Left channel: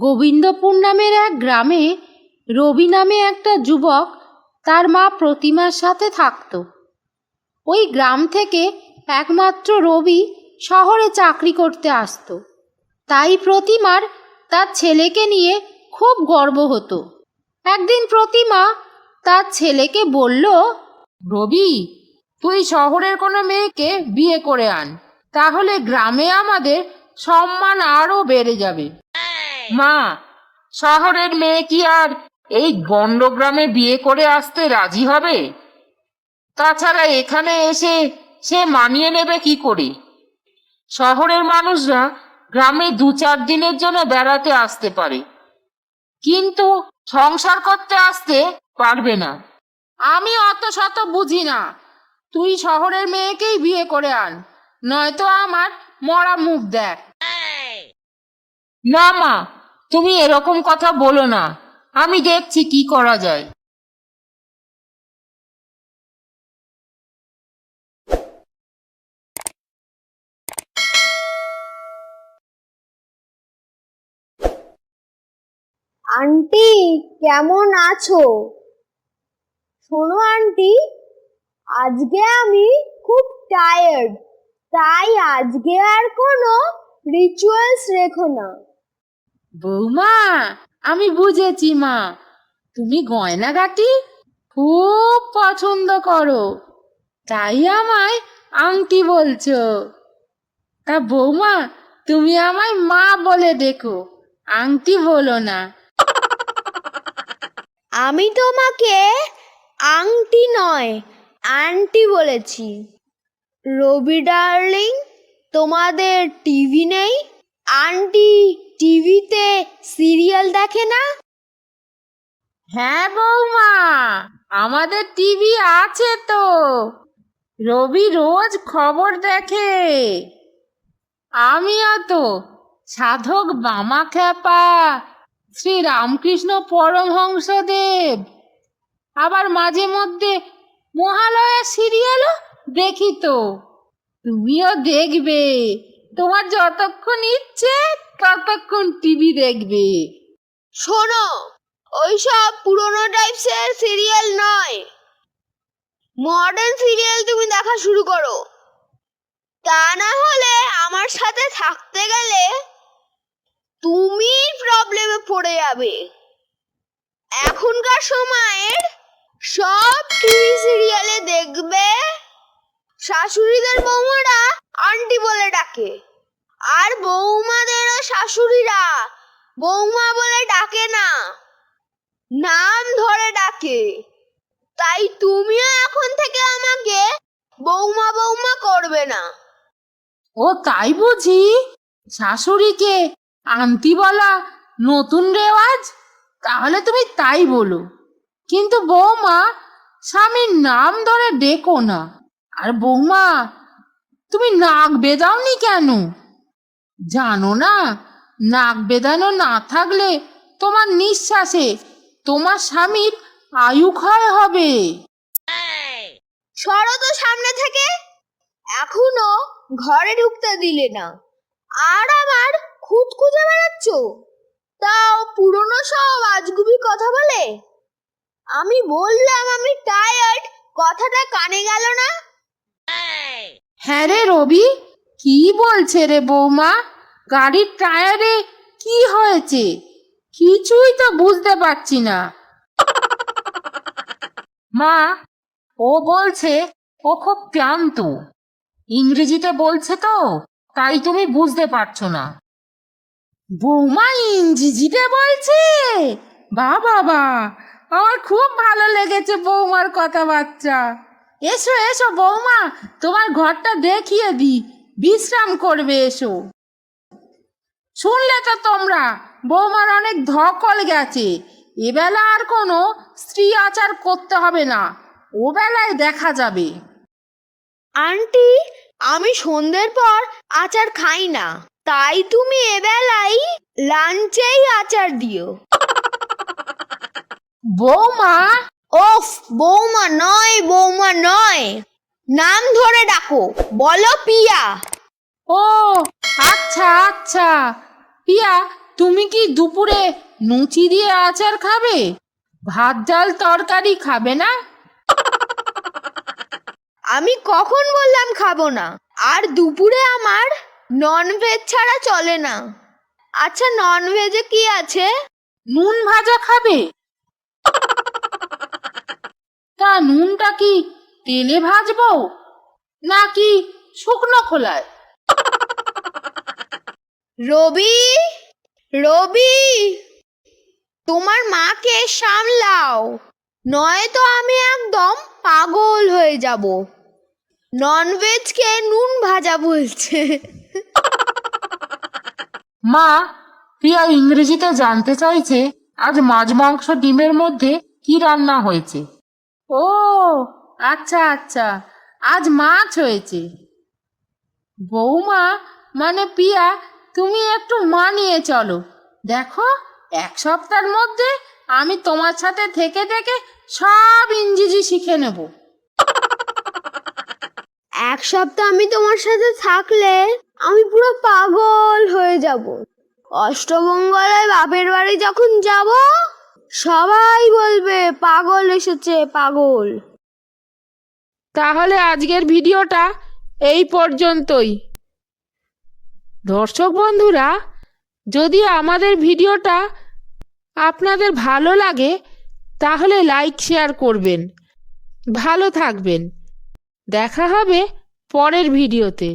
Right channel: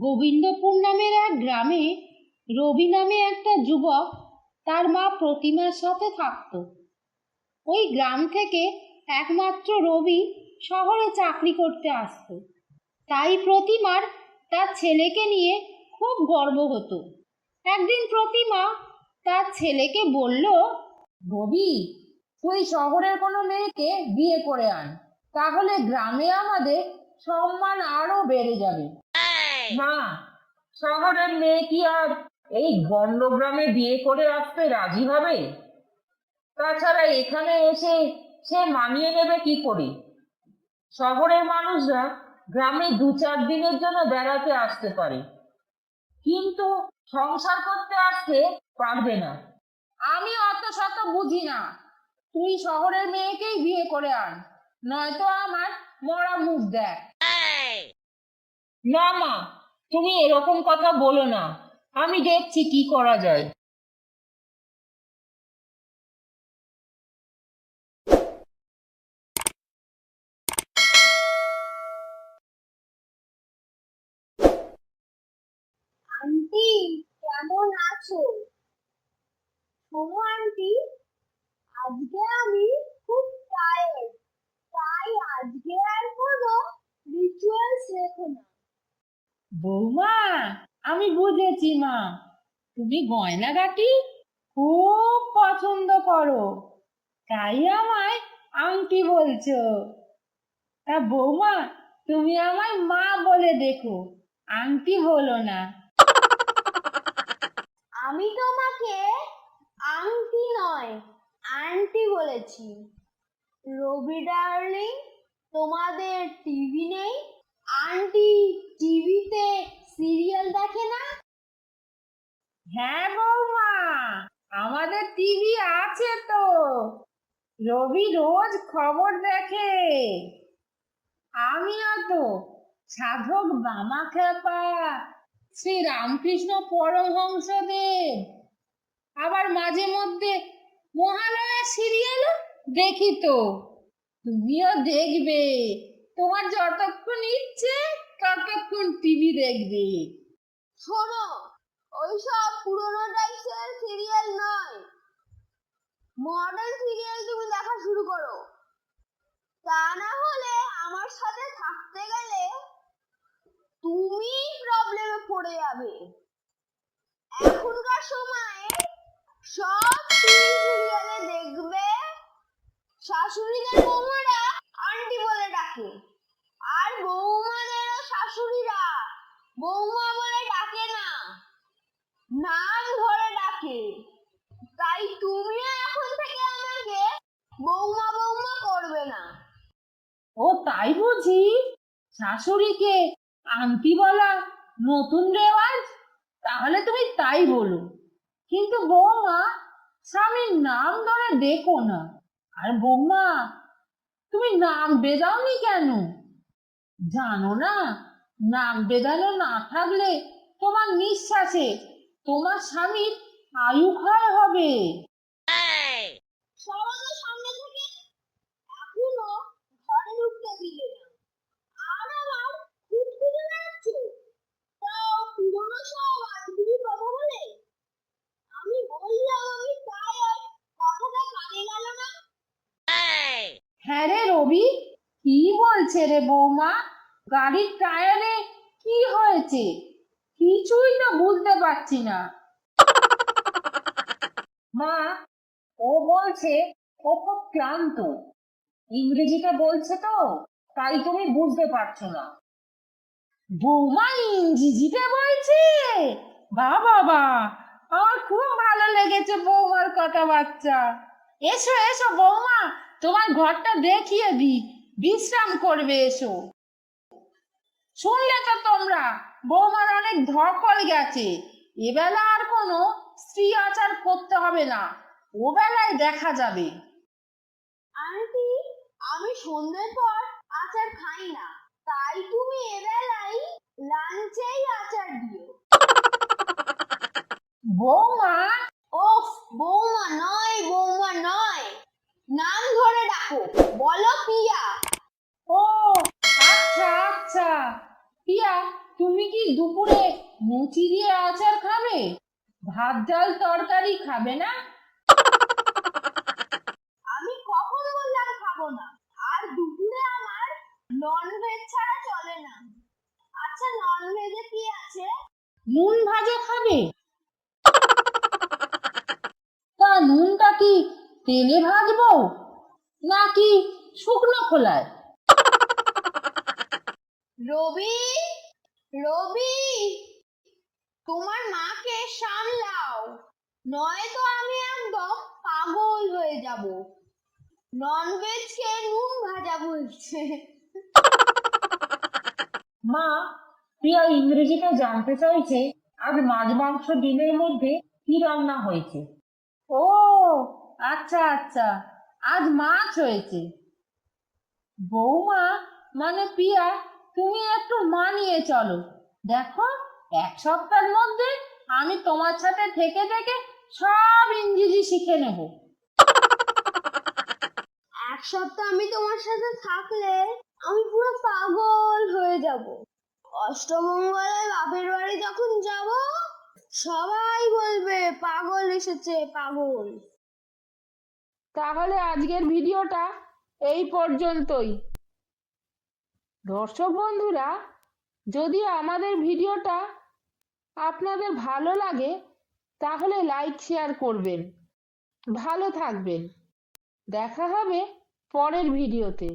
গোবিন্দপুর নামের এক গ্রামে রবি নামে একটা যুবক তার মা প্রতিমার সাথে থাকতো। ওই গ্রাম থেকে একমাত্র রবি শহরে চাকরি করতে আসতো। তাই প্রতিমার তার ছেলেকে নিয়ে খুব গর্ব হতো। একদিন প্রতিমা তার ছেলেকে বলল, রবি তুই শহরের কোনো মেয়েকে বিয়ে করে আন, তাহলে গ্রামে আমাদের সম্মান আরও বেড়ে যাবে। মা, শহরের মেয়ে কি আর এই গন্ডগ্রামে বিয়ে করে আসতে রাজি হবে? তাছাড়া এখানে এসে সে মানিয়ে নেবে কি করে? শহরের মানুষরা গ্রামে দু চার দিনের জন্য বেড়াতে আসতে পারে, কিন্তু সংসার করতে আসতে পারবে না। আমি অত শত বুঝি না। তুই শহরের মেয়েকেই বিয়ে করে আন নয়তো আমার মরা মুখ দেখ। না মা তুমি এরকম কথা বলো না। আমি দেখছি কি করা যায়। আন্টি কেমন আছো? শোনো আন্টি। আজকে আমি খুব টায়ার্ড তাই আজকে আর কোনো রিচুয়ালস রেখো না। বৌমা আমি বুঝেছি মা। তুমি গয়নাগাটি খুব পছন্দ করো তাই আমায় আংটি বলছো। তা বৌমা তুমি আমায় মা বলে দেখো আংটি বলো না। আমি তোমাকে আংটি নয় আন্টি বলেছি, রবি ডার্লিং তোমাদের টিভি নেই? আন্টি টিভিতে সিরিয়াল দেখে না? হ্যাঁ বৌমা, আমাদের টিভি আছে তো। রবি রোজ খবর দেখে। আমিও তো, সাধক বামা খ্যাপা শ্রী রামকৃষ্ণ পরমহংসদেব, আবার মাঝে মধ্যে মহালয়া সিরিয়ালও দেখি তো। তুমিও দেখবে। তোমার যতক্ষণ ইচ্ছে, ততক্ষণ টিভি দেখবে। শোনো, ওইসব পুরোনো টাইপসের সিরিয়াল নয়। মডার্ন সিরিয়াল তুমি দেখা শুরু করো। তা না হলে আমার সাথে থাকতে গেলে তুমি প্রবলেমে পড়ে যাবে। এখনকার সময়ের সব টিভি সিরিয়ালে দেখবে। শাশুড়িদের বৌমারা আন্টি বলে ডাকে। আর বৌমাদেরও শাশুড়িরা বৌমা বলে ডাকে না। নাম ধরে ডাকে। তাই তুমিও এখন থেকে আমাকে বৌমা বৌমা করবে না। ও, তাই বুঝি? শাশুড়িকে আন্টি বলা নতুন রেওয়াজ? তাহলে তুমি তাই বলো। কিন্তু বৌমা স্বামীর নাম ধরে ডেকো না। আর বৌমা, তুমি নাক বেদাওনি কেন? জানো না, নাক বেদানো না থাকলে তোমার নিঃশ্বাসে তোমার স্বামীর আয়ু ক্ষয় হবে। সরো তো সামনে থেকে। এখনও ঘরে ঢুকতে দিলে না। আর আমার খুদ খুঁজে বেড়াচ্ছ? তাও পুরনো সব আজগুবি কথা বলে? আমি বললাম আমি টায়ার্ড কথাটা কানে গেল না। হ্যাঁ রে রবি, কি বলছে রে বৌমা? গাড়ির টায়ারে কি হয়েছে? কিছুই তো বুঝতে পারছি না। মা, ও বলছে ও খুব ক্লান্ত। ইংরেজিতে বলছে তো, তাই তুমি বুঝতে পারছ না। বৌমা ইংরেজিতে বলছে? বা বাবা। আমার খুব ভালো লেগেছে বৌমার কথাবার্তা। এসো এসো বৌমা, তোমার ঘরটা দেখিয়ে দি। বিশ্রাম করবে, এসো। শুনলে তো তোমরা, বৌমার অনেক ধকল গেছে। এবেলা আর কোনো স্ত্রী আচার করতে হবে না। ও বেলায় দেখা যাবে। আন্টি, আমি সন্ধ্যের পর আচার খাই না। তাই তুমি এবেলাই লাঞ্চেই আচার দিও। বৌমা? ওফ বৌমা নয় বৌমা নয়। নাম ধরে ডাকো বলো পিয়া। ও আচ্ছা আচ্ছা। পিয়া তুমি কি দুপুরে লুচি দিয়ে আচার খাবে? ভাত ডাল তরকারি খাবে না? আমি কখন বললাম খাব না? আর দুপুরে আমার নন ভেজ ছাড়া চলে না। আচ্ছা নন ভেজে কি আছে? নুন ভাজা খাবে তা নুনটা কি তেলে ভাজবো নাকি শুকনো খোলায়? রবি রবি তোমার মাকে সামলাও নয়তো আমি একদম পাগল হয়ে যাব। ননভেজকে নুন ভাজা বলছে। মা প্রিয়া ইংরেজিতে জানতে চাইছে আজ মাছ মাংস ডিমের মধ্যে কি রান্না হয়েছে? ও আচ্ছা আচ্ছা। আজ মাছ হয়েছে। বৌমা মানে পিয়া, তুমি একটু মানিয়ে চলো। দেখো, এক সপ্তাহের মধ্যে আমি তোমার সাথে থেকে থেকে সব ইংরেজি শিখে নেব। এক সপ্তাহ আমি তোমার সাথে থাকলে আমি পুরো পাগল হয়ে যাব। অষ্টমঙ্গলায় বাপের বাড়ি যখন যাব সবাই বলবে, পাগল এসেছে, পাগল। তাহলে আজকের ভিডিওটা এই পর্যন্তই। দর্শক বন্ধুরা, যদি আমাদের ভিডিওটা আপনাদের ভালো লাগে, তাহলে লাইক, শেয়ার করবেন। ভালো থাকবেন। দেখা হবে পরের ভিডিওতে।